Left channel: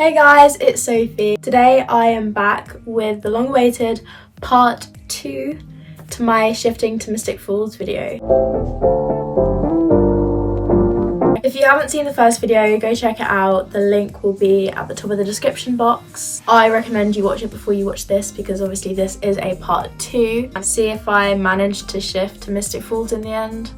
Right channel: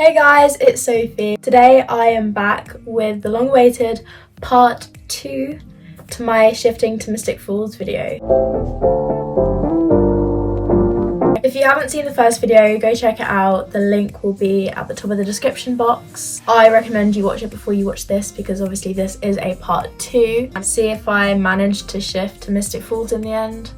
Hey guys, it's Sophie. Today I am back with the long-awaited part 2 to my shifting to Mystic Falls video. If you haven't seen the first video, go check it out. The link will be at the top of the description box. I recommend you watch it before you watch this because obviously this is a part 2. And see if I managed to shift to Mystic Falls in the end.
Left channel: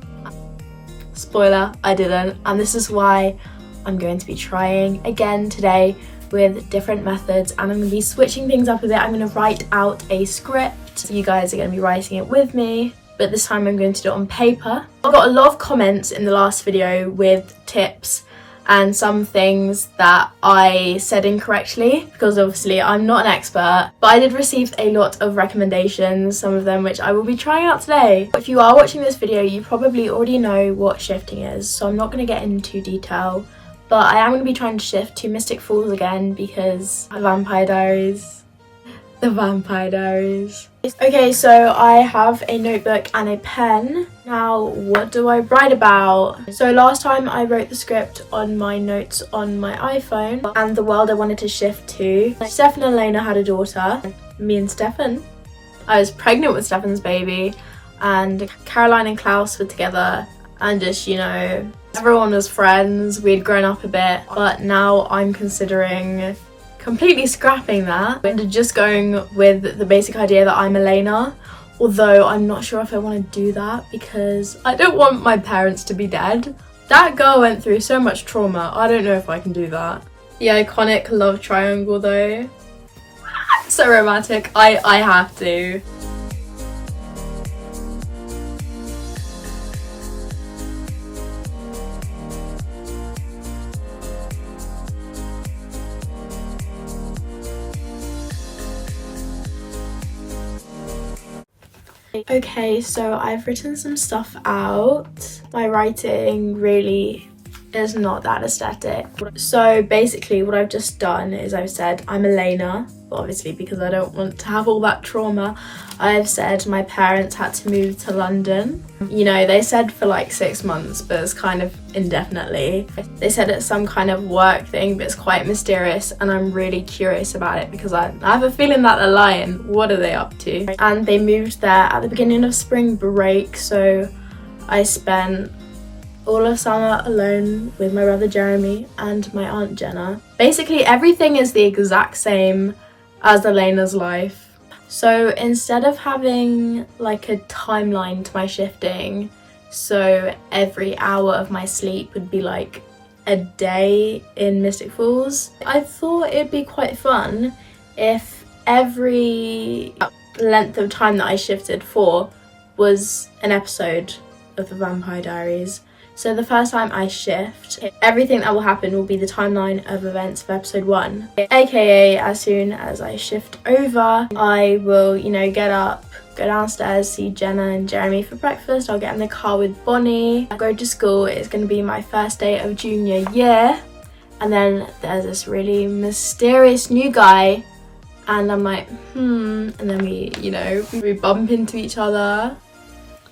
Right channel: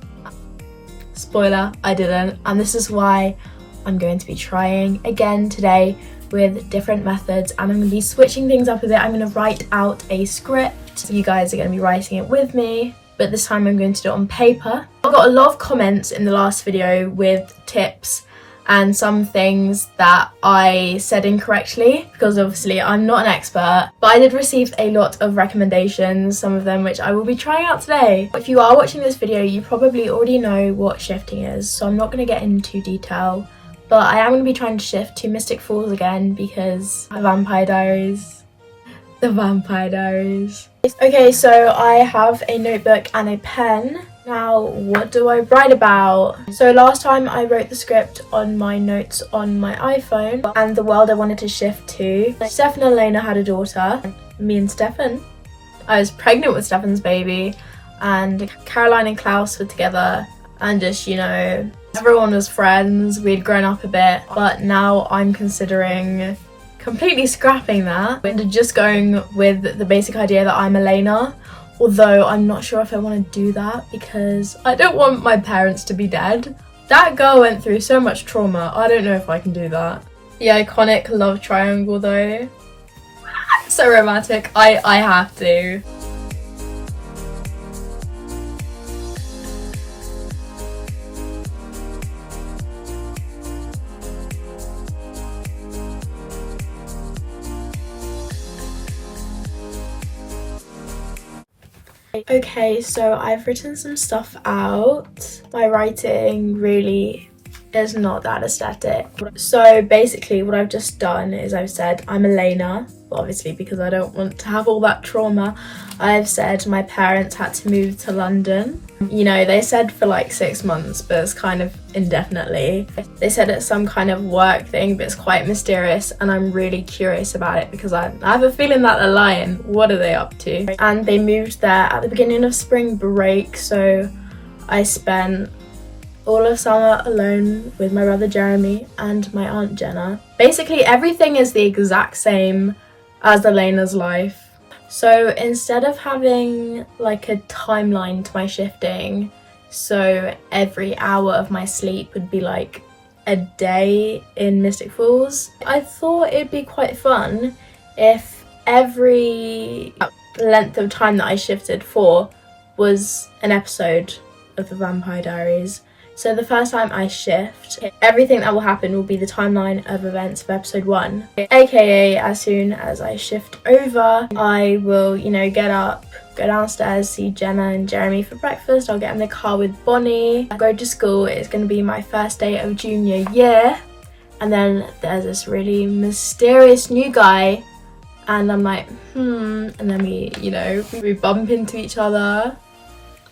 Spoiler, I didn't. And this is why I'm going to be trying again today with different methods, and I'm going to be switching things up a bit. I'm going to write out a script. You guys are going to be writing it with me, but this time I'm going to do it on paper. I got a lot of comments in the last video with tips and some things that I said incorrectly because obviously I'm not an expert, but I did receive a lot of recommendations, some of them which I will be trying out today. If you are watching this video, you probably already know what shifting is, so I'm not going to get into detail. But I am going to be trying to shift to Mystic Falls again because the Vampire Diaries. Okay, so I have a notebook and a pen. Now, what do I write about? So last time I wrote the script on my notes on my iPhone and the world I wanted to shift to. Stefan and Elena had a daughter, me and Stefan. I was pregnant with Stefan's baby, and Caroline and Klaus were together, and just, you know, everyone was friends, we'd grown up a bit, but now I'm considering completely scrapping that and just going with the basic idea that I'm Elena, although I'm not sure if I want to do that because I don't want my parents to be dead. That girl went through so much trauma, I don't know if I can do that. The iconic love triangle though. So romantic, I have to. Okay, so I've written some stuff out. My writing really is not that aesthetic. So basically what I've just done is I've said I'm Elena, obviously because I don't want to have all that trauma. I've said my parents had to move to London. You know, they said for like 6 months, but it's kind of indefinitely. They said it's some kind of work thing, but it's quite mysterious, and I'm really curious about it because I have a feeling that they're lying. What are they up to? And they moved there at the beginning of spring break, so I spent all of summer alone with my brother Jeremy and my aunt Jenna. Basically everything is the exact same as Elena's life. So instead of having like a timeline to my shifting, so every hour of my sleep would be like a day in Mystic Falls, I thought it'd be quite fun if every length of time that I shifted for was an episode of the Vampire Diaries. So the first time I shift, everything that will happen will be the timeline of events of episode 1. AKA as soon as I shift over, I will, you know, get up, go downstairs, see Jenna and Jeremy for breakfast. I'll get in the car with Bonnie, go to school. It's going to be my first day of junior year. And then there's this really mysterious new guy. And I'm like, And then we bump into each other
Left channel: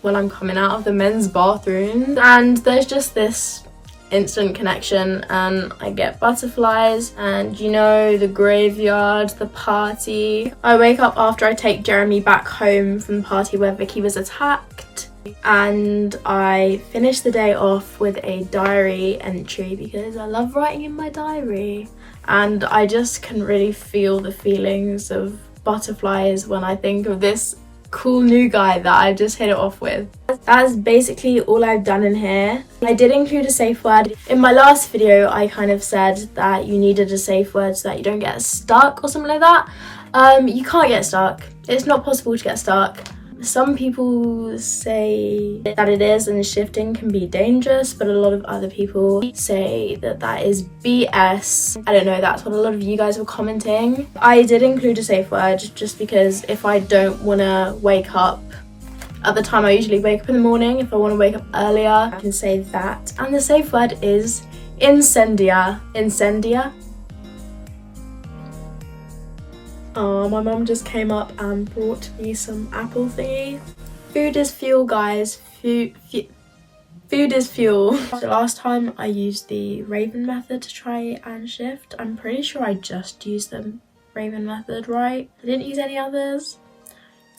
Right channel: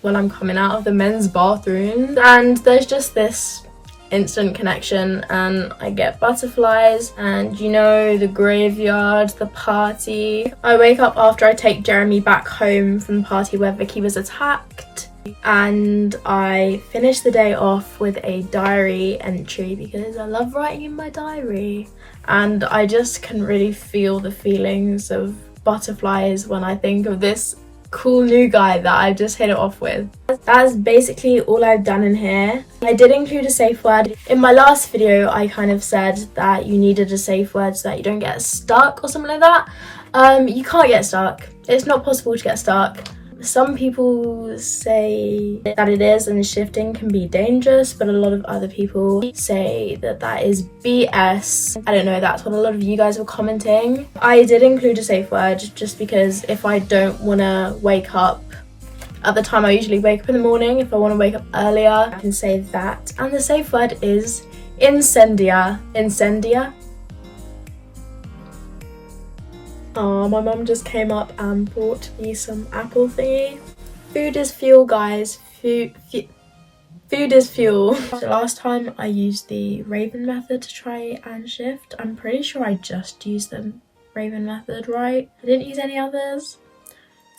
when I'm coming out of the men's bathroom, and there's just this instant connection, and I get butterflies, and you know, the graveyard, the party. I wake up after I take Jeremy back home from the party where Vicky was attacked, and I finish the day off with a diary entry because I love writing in my diary, and I just can really feel the feelings of butterflies when I think of this cool new guy that I just hit it off with. That's basically all I've done in here. I did include a safe word. In my last video I kind of said that you needed a safe word so that you don't get stuck or something like that. You can't get stuck. It's not possible to get stuck. Some people say that it is and shifting can be dangerous, but a lot of other people say that that is BS. I don't know, that's what a lot of you guys were commenting. I did include a safe word just because if I don't want to wake up at the time I usually wake up in the morning, if I want to wake up earlier, I can say that. And the safe word is incendia. Incendia? Oh, my mum just came up and brought me some apple thingy. Food is fuel, guys. Food. Food is fuel. So last time I used the Raven method to try and shift. I'm pretty sure I just used the Raven method, right? I didn't use any others.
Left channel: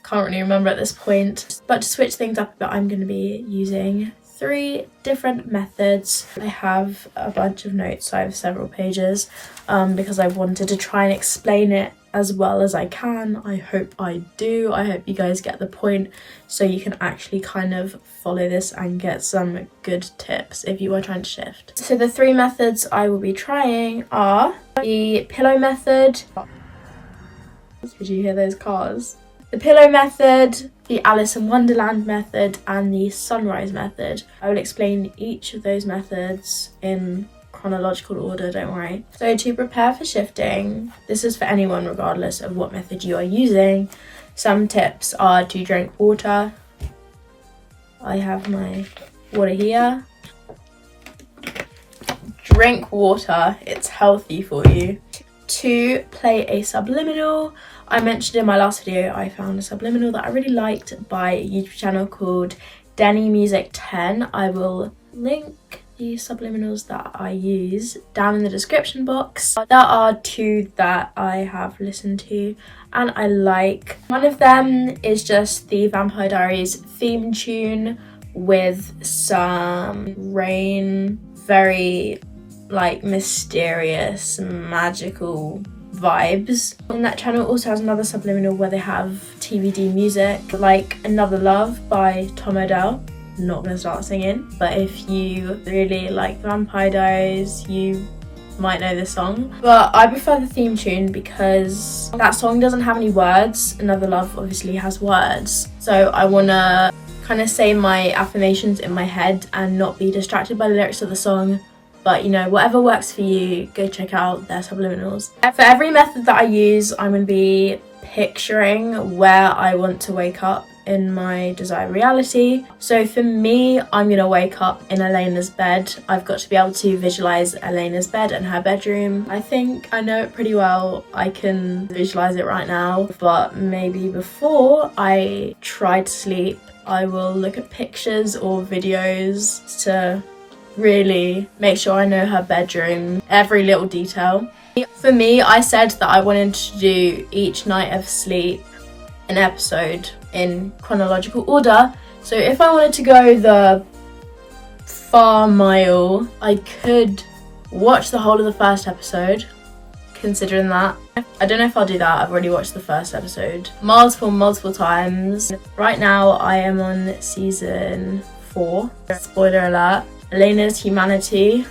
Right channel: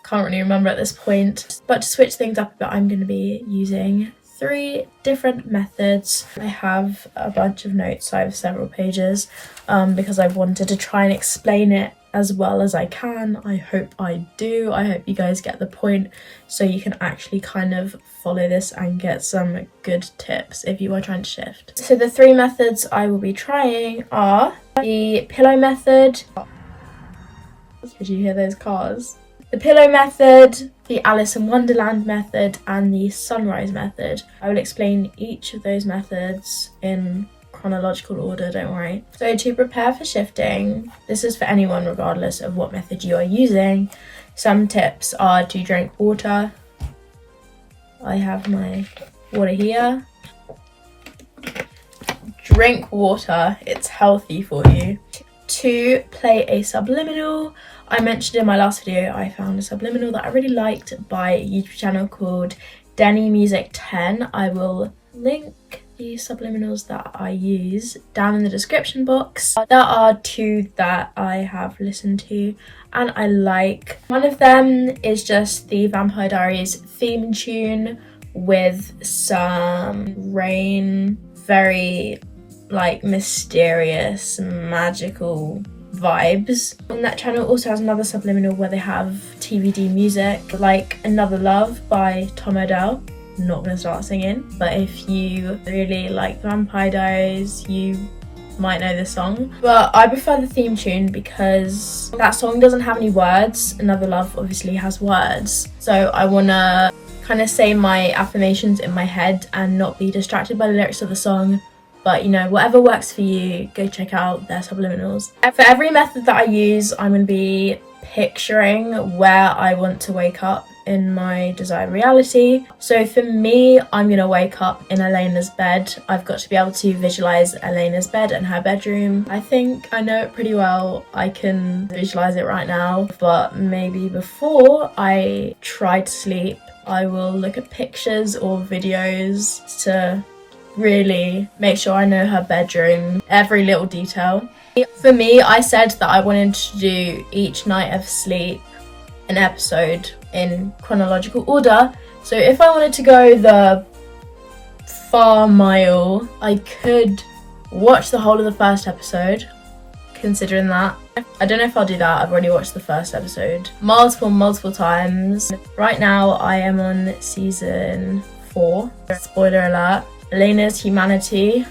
Can't really remember at this point. But to switch things up a bit, I'm going to be using 3 different methods. I have a bunch of notes, so I have several pages because I wanted to try and explain it as well as I can. I hope I do. I hope you guys get the point, so you can actually kind of follow this and get some good tips if you are trying to shift. So the 3 methods I will be trying are the pillow method. Did you hear those cars? The pillow method, the Alice in Wonderland method, and the sunrise method. I will explain each of those methods in chronological order, don't worry. So to prepare for shifting, this is for anyone regardless of what method you are using. Some tips are to drink water. I have my water here. Drink water, it's healthy for you. To play a subliminal. I mentioned in my last video I found a subliminal that I really liked by a YouTube channel called Denny Music 10. I will link the subliminals that I use down in the description box. There are 2 that I have listened to and I like. One of them is just the Vampire Diaries theme tune with some rain, very like mysterious, magical vibes. And that channel also has another subliminal where they have TBD music, like Another Love by Tom Odell. Not gonna start singing, but if you really like Vampire Diaries, you might know this song. But I prefer the theme tune because that song doesn't have any words. Another Love obviously has words, so I wanna kind of say my affirmations in my head and not be distracted by the lyrics of the song. But you know, whatever works for you, go check out their subliminals. For every method that I use, I'm going to be picturing where I want to wake up in my desired reality. So for me, I'm going to wake up in Elena's bed. I've got to be able to visualize Elena's bed and her bedroom. I think I know it pretty well. I can visualize it right now, but maybe before I try to sleep, I will look at pictures or videos to really make sure I know her bedroom, every little detail. For me, I said that I wanted to do each night of sleep an episode in chronological order. So if I wanted to go the far mile, I could watch the whole of the first episode, considering that. I don't know if I'll do that. I've already watched the first episode multiple times. Right now I am on season 4. Spoiler alert. Elena's humanity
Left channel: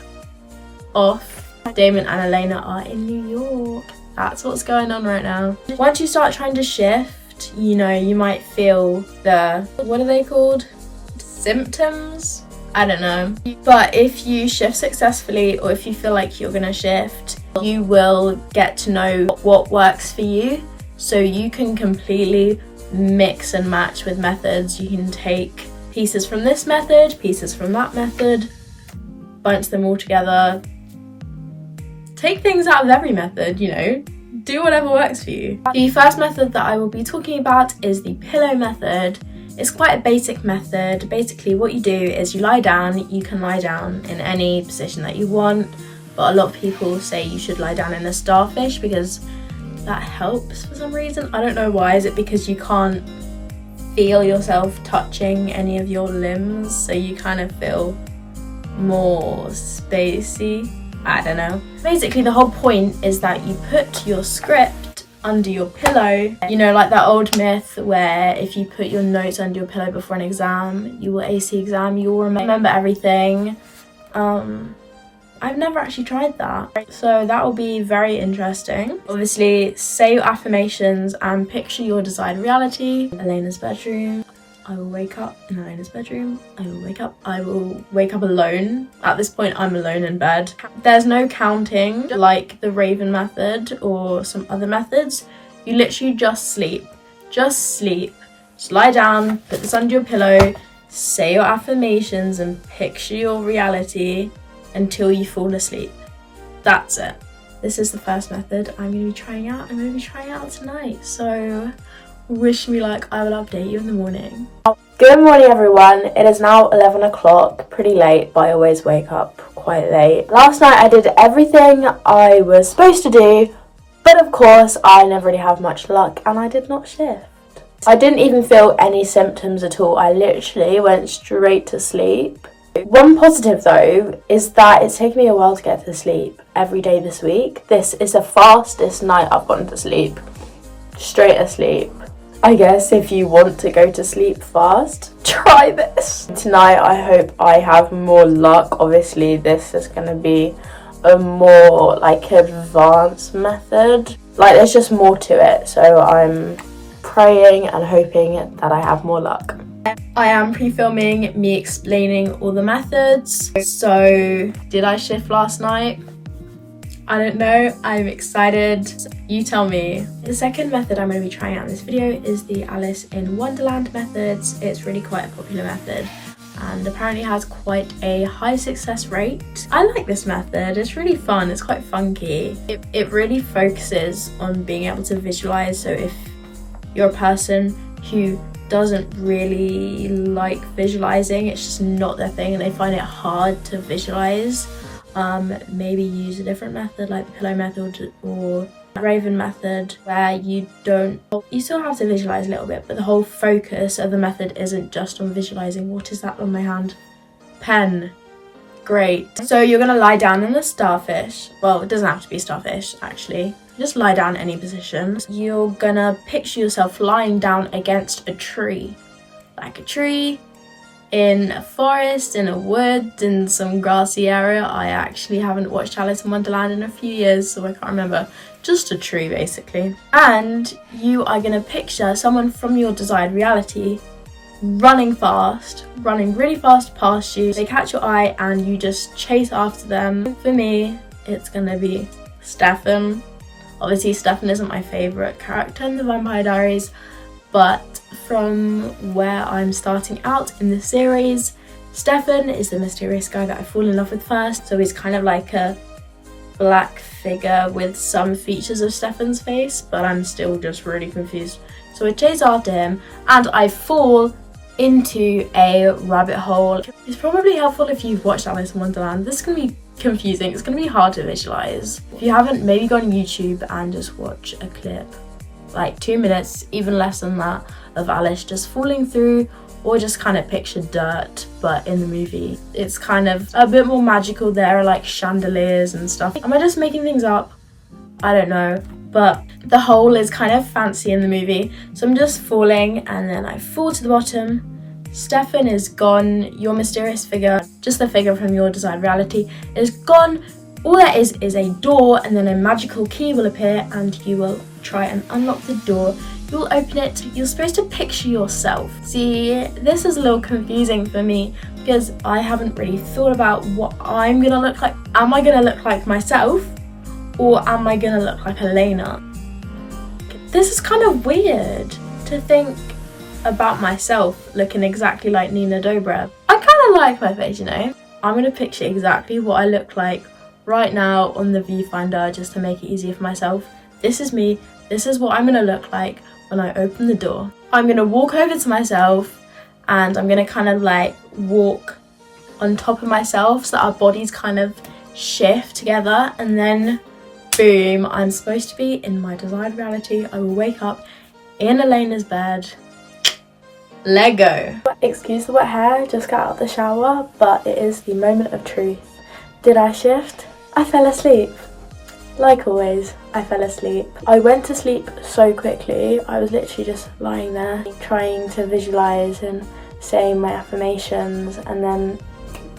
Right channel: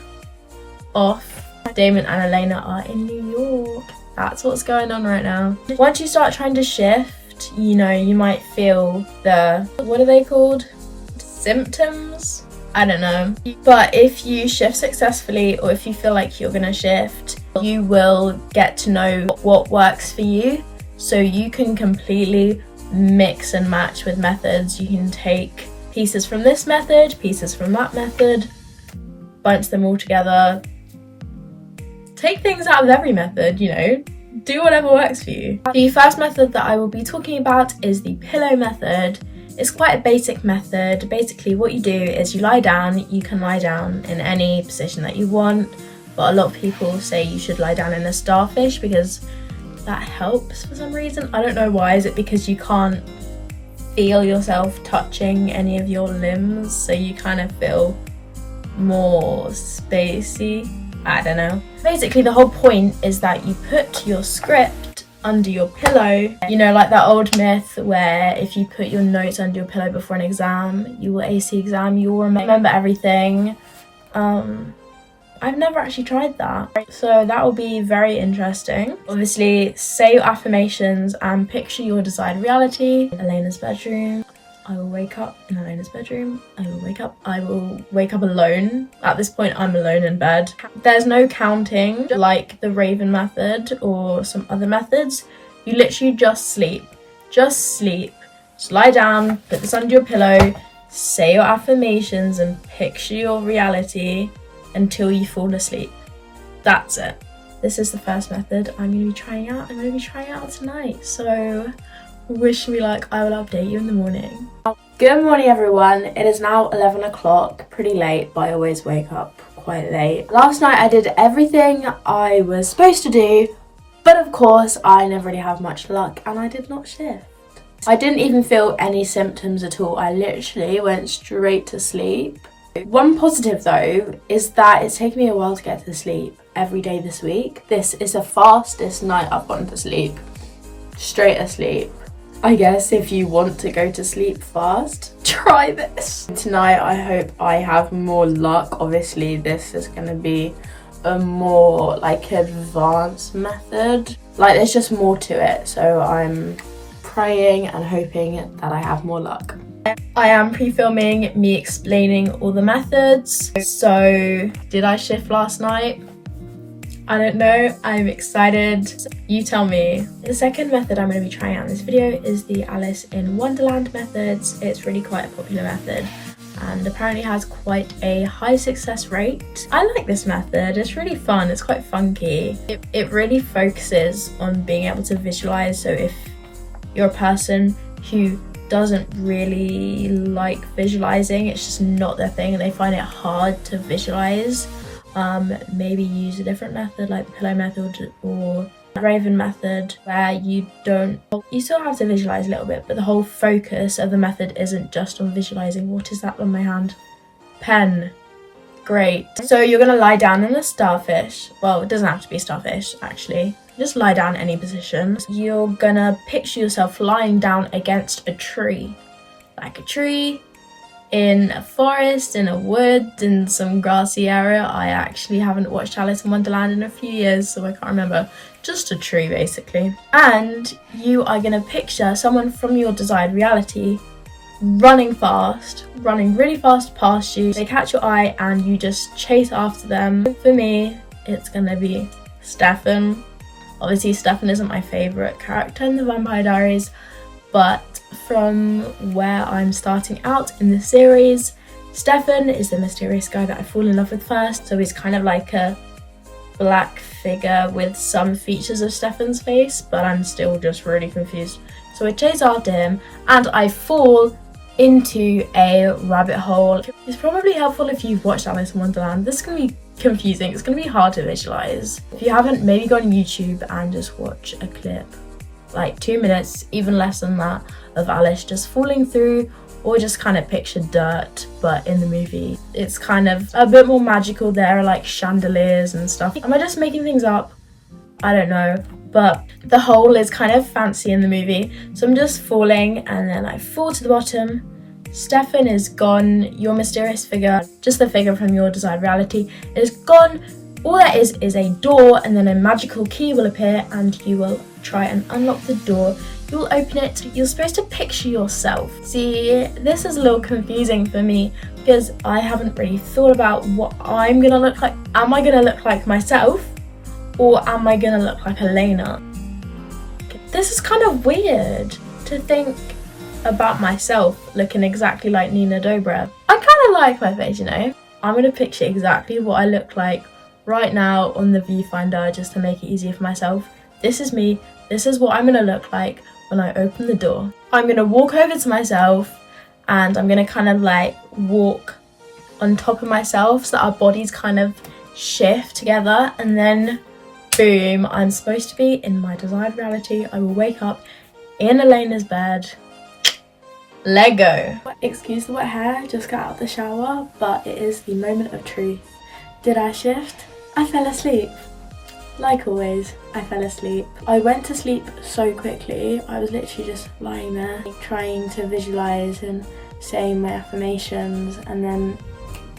off. Damon and Elena are in New York. That's what's going on right now. Once you start trying to shift, you know, you might feel the, what are they called? Symptoms? I don't know. But if you shift successfully, or if you feel like you're gonna shift, you will get to know what works for you. So you can completely mix and match with methods. You can take pieces from this method, pieces from that method, bunch them all together. Take things out of every method, you know, do whatever works for you. The first method that I will be talking about is the pillow method. It's quite a basic method. Basically what you do is you lie down. You can lie down in any position that you want, but a lot of people say you should lie down in a starfish because that helps for some reason. I don't know why. Is it because you can't feel yourself touching any of your limbs, so you kind of feel more spacey? I don't know. Basically the whole point is that you put your script under your pillow. You know, like that old myth where if you put your notes under your pillow before an exam, you will ace the exam, you will remember everything. I've never actually tried that, so that will be very interesting. Obviously, say your affirmations and picture your desired reality. Elena's bedroom. I will wake up in Elena's bedroom. I will wake up alone. At this point, I'm alone in bed. There's no counting like the Raven method or some other methods. You literally just sleep. Just sleep. Just lie down, put this under your pillow, say your affirmations and picture your reality until you fall asleep. That's it. This is the first method I'm going to be trying out. I'm going to be trying it out tonight, so wish me luck. I will update you in the morning. Good morning everyone, it is now 11 o'clock, pretty late, but I always wake up quite late. Last night I did everything I was supposed to do, but of course I never really have much luck and I did not shift. I didn't even feel any symptoms at all, I literally went straight to sleep. One positive though is that it's taken me a while to get to sleep every day this week. This is the fastest night I've gone to sleep, straight asleep. I guess if you want to go to sleep fast, try this. Tonight I hope I have more luck. Obviously this is going to be a more like advanced method. Like there's just more to it. So I'm praying and hoping that I have more luck. I am pre-filming me explaining all the methods. So did I shift last night? I don't know, I'm excited. You tell me. The second method I'm going to be trying out in this video is the Alice in Wonderland methods. It's really quite a popular method and apparently has quite a high success rate. I like this method, it's really fun, it's quite funky. It really focuses on being able to visualize, so if you're a person who doesn't really like visualizing, it's just not their thing and they find it hard to visualize, maybe use a different method like the pillow method or raven method, where you still have to visualize a little bit, but the whole focus of the method isn't just on visualizing. What is that on my hand? Pen. Great. So you're gonna lie down in a starfish. Well, it doesn't have to be a starfish actually, just lie down any position. You're gonna picture yourself lying down against a tree, like a tree in a forest, in a wood, in some grassy area. I actually haven't watched Alice in Wonderland in a few years, so I can't remember. Just a tree basically. And you are gonna picture someone from your desired reality running really fast past you. They catch your eye and you just chase after them. For me, it's gonna be Stefan. Obviously Stefan isn't my favourite character in the Vampire Diaries, but from where I'm starting out in the series, Stefan is the mysterious guy that I fall in love with first. So he's kind of like a black figure with some features of Stefan's face, but I'm still just really confused. So I chase after him and I fall into a rabbit hole. It's probably helpful if you've watched Alice in Wonderland. This is going to be confusing, it's going to be hard to visualize. If you haven't, maybe go on YouTube and just watch a clip, like 2 minutes, even less than that, of Alice just falling through, or just kind of picture dirt, but in the movie it's kind of a bit more magical. There are like chandeliers and stuff. Am I just making things up? I don't know, but the hole is kind of fancy in the movie. So I'm just falling and then I fall to the bottom. Stefan is gone, your mysterious figure, just the figure from your desired reality, is gone. All there is a door, and then a magical key will appear and you will try and unlock the door. You'll open it. You're supposed to picture yourself. See, this is a little confusing for me because I haven't really thought about what I'm gonna look like. Am I gonna look like myself or am I gonna look like Elena? This is kind of weird to think about myself looking exactly like Nina Dobrev. I kind of like my face, you know. I'm gonna picture exactly what I look like right now on the viewfinder just to make it easier for myself. This is me. This is what I'm gonna look like when I open the door. I'm gonna walk over to myself and I'm gonna kind of like walk on top of myself so that our bodies kind of shift together, and then boom, I'm supposed to be in my desired reality. I will wake up in Elena's bed. Lego. Excuse the wet hair, just got out of the shower, but it is the moment of truth. Did I shift? I fell asleep. Like always, I fell asleep. I went to sleep so quickly. I was literally just lying there trying to visualize and saying my affirmations, and then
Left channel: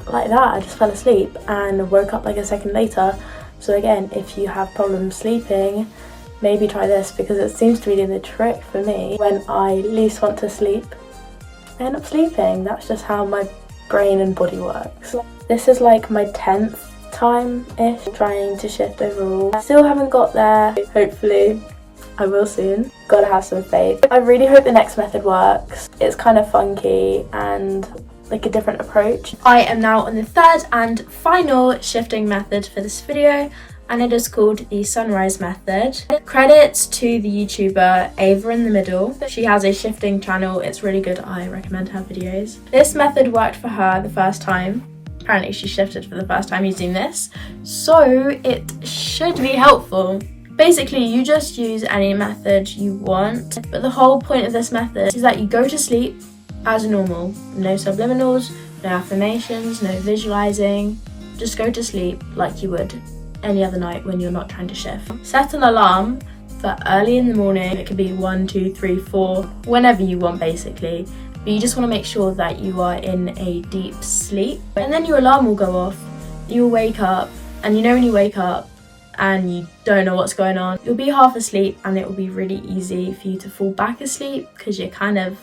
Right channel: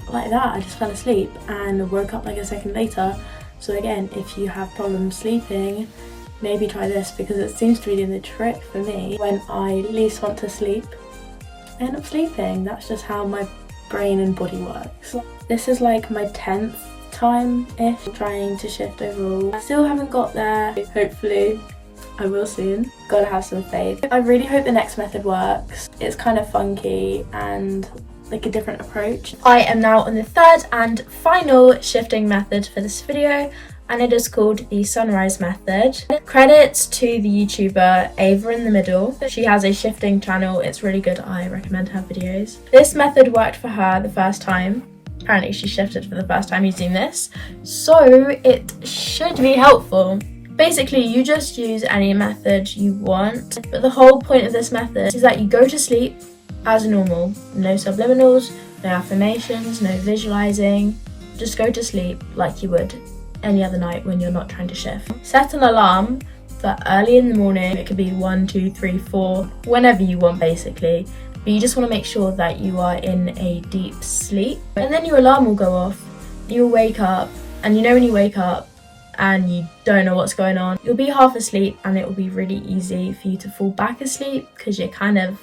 like that I just fell asleep and woke up like a second later. So again, if you have problems sleeping, maybe try this because it seems to be doing the trick for me. When I least want to sleep, I end up sleeping. That's just how my brain and body works. This is like my 10th time-ish trying to shift overall. I still haven't got there. Hopefully I will soon. Gotta have some faith. I really hope the next method works. It's kind of funky and like a different approach. I am now on the third and final shifting method for this video, and it is called the sunrise method. Credits to the YouTuber Ava in the middle. She has a shifting channel. It's really good. I recommend her videos. This method worked for her the first time. Apparently she shifted for the first time using this, so it should be helpful. Basically, you just use any method you want, but the whole point of this method is that you go to sleep as normal. No subliminals, no affirmations, no visualizing. Just go to sleep like you would any other night when you're not trying to shift. Set an alarm for early in the morning. It could be 1, 2, 3, 4, whenever you want basically. But you just want to make sure that you are in a deep sleep. And then your alarm will go off, you'll wake up, and you know when you wake up and you don't know what's going on, you'll be half asleep and it will be really easy for you to fall back asleep because you're kind of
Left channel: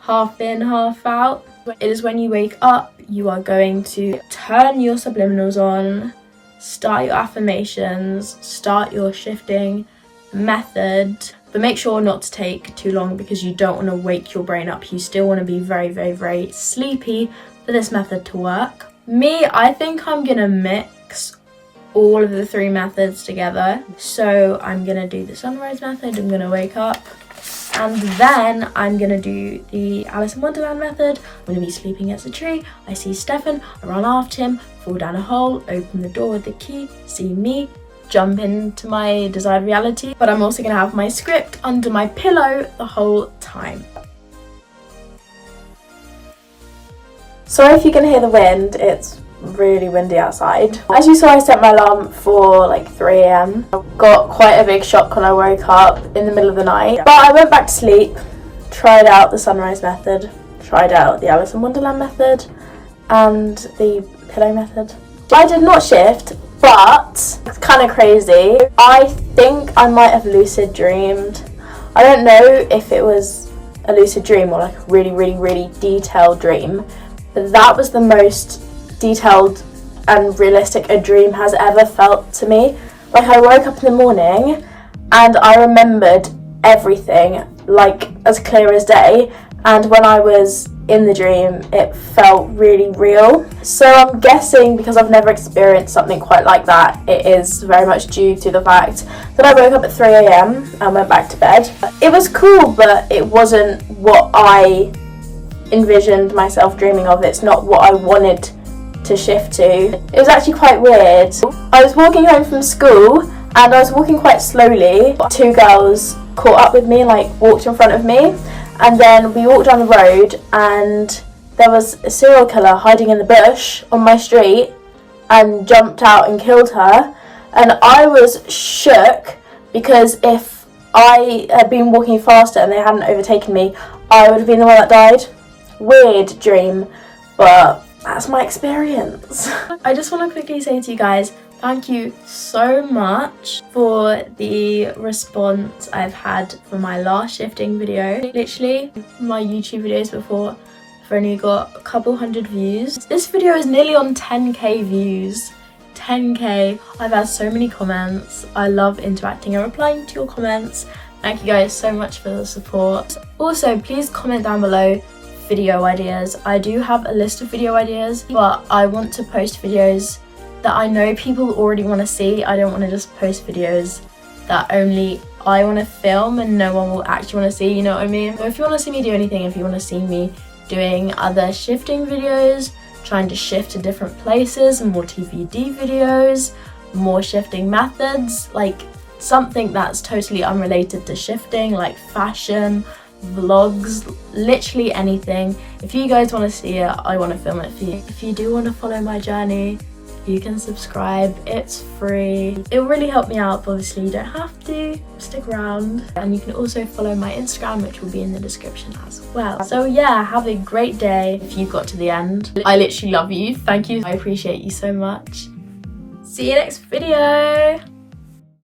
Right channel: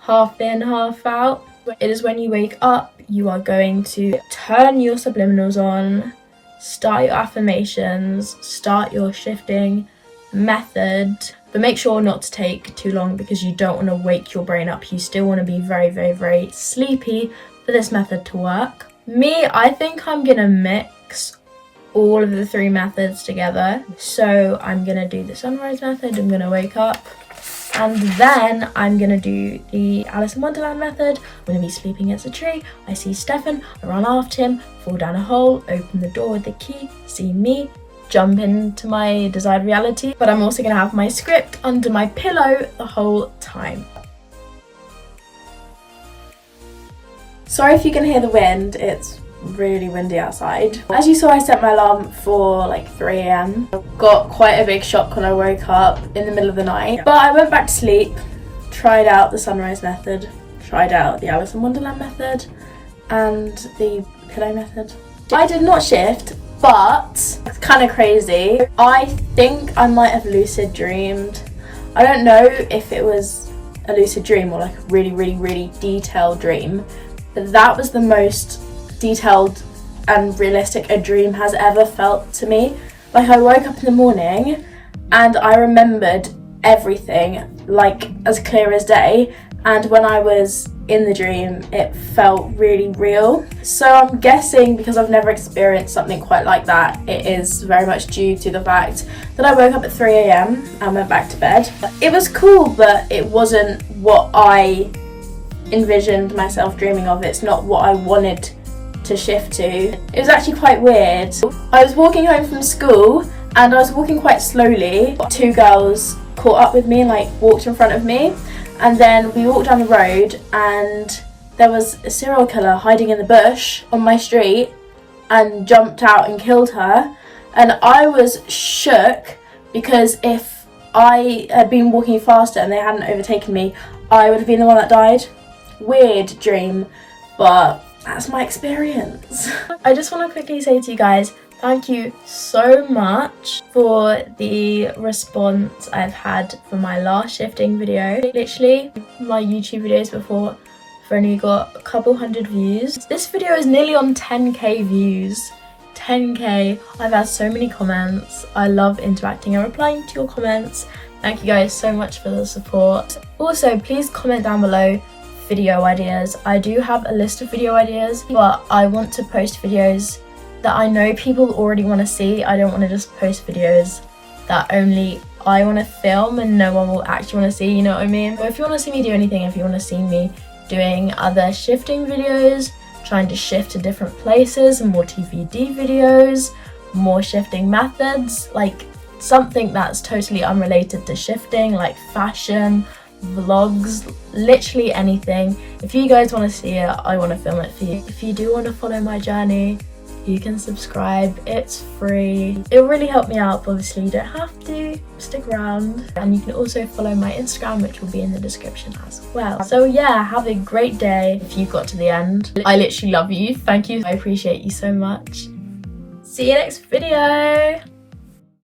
half in, half out. It is when you wake up, you are going to turn your subliminals on, start your affirmations, start your shifting method, but make sure not to take too long because you don't want to wake your brain up. You still want to be very, very, very sleepy for this method to work. Me, I think I'm gonna mix all of the 3 methods together. So I'm gonna do the sunrise method, I'm gonna wake up, and then I'm gonna do the Alice in Wonderland method. I'm gonna be sleeping as a tree. I see Stefan, I run after him, fall down a hole, open the door with the key, see me, jump into my desired reality. But I'm also gonna have my script under my pillow the whole time. Sorry if you can hear the wind, it's really windy outside. As you saw, I set my alarm for like 3 AM. Got quite a big shock when I woke up in the middle of the night. But I went back to sleep, tried out the sunrise method, tried out the Alice in Wonderland method, and the pillow method. I did not shift, but it's kind of crazy. I think I might have lucid dreamed. I don't know if it was a lucid dream or like a really, really, really detailed dream, but that was the most detailed and realistic a dream has ever felt to me. Like, I woke up in the morning and I remembered everything like as clear as day, and when I was in the dream it felt really real. So I'm guessing, because I've never experienced something quite like that, it is very much due to the fact that I woke up at 3 AM and went back to bed. It was cool, but it wasn't what I envisioned myself dreaming of. It's not what I wanted to shift to. It was actually quite weird. I was walking home from school and I was walking quite slowly. 2 girls caught up with me, like walked in front of me, and then we walked down the road and there was a serial killer hiding in the bush on my street and jumped out and killed her. And I was shook because if I had been walking faster and they hadn't overtaken me, I would have been the one that died. Weird dream, but that's my experience. I just want to quickly say to you guys, thank you so much for the response I've had for my last shifting video. Literally, my YouTube videos before have only got a couple hundred views. This video is nearly on 10k views. 10k. I've had so many comments. I love interacting and replying to your comments. Thank you guys so much for the support. Also, please comment down below video ideas. I do have a list of video ideas, but I want to post videos that I know people already want to see. I don't want to just post videos that only I want to film and no one will actually want to see, you know what I mean? So if you want to see me do anything, if you want to see me doing other shifting videos, trying to shift to different places, more TVD videos, more shifting methods, like something that's totally unrelated to shifting, like fashion, vlogs, literally anything. If you guys want to see it, I want to film it for you. If you do want to follow my journey, you can subscribe. It's free. It will really help me out, but obviously you don't have to. Stick around. And you can also follow my Instagram, which will be in the description as well. So yeah, have a great day if you got to the end. I literally love you. Thank you. I appreciate you so much. See you next video.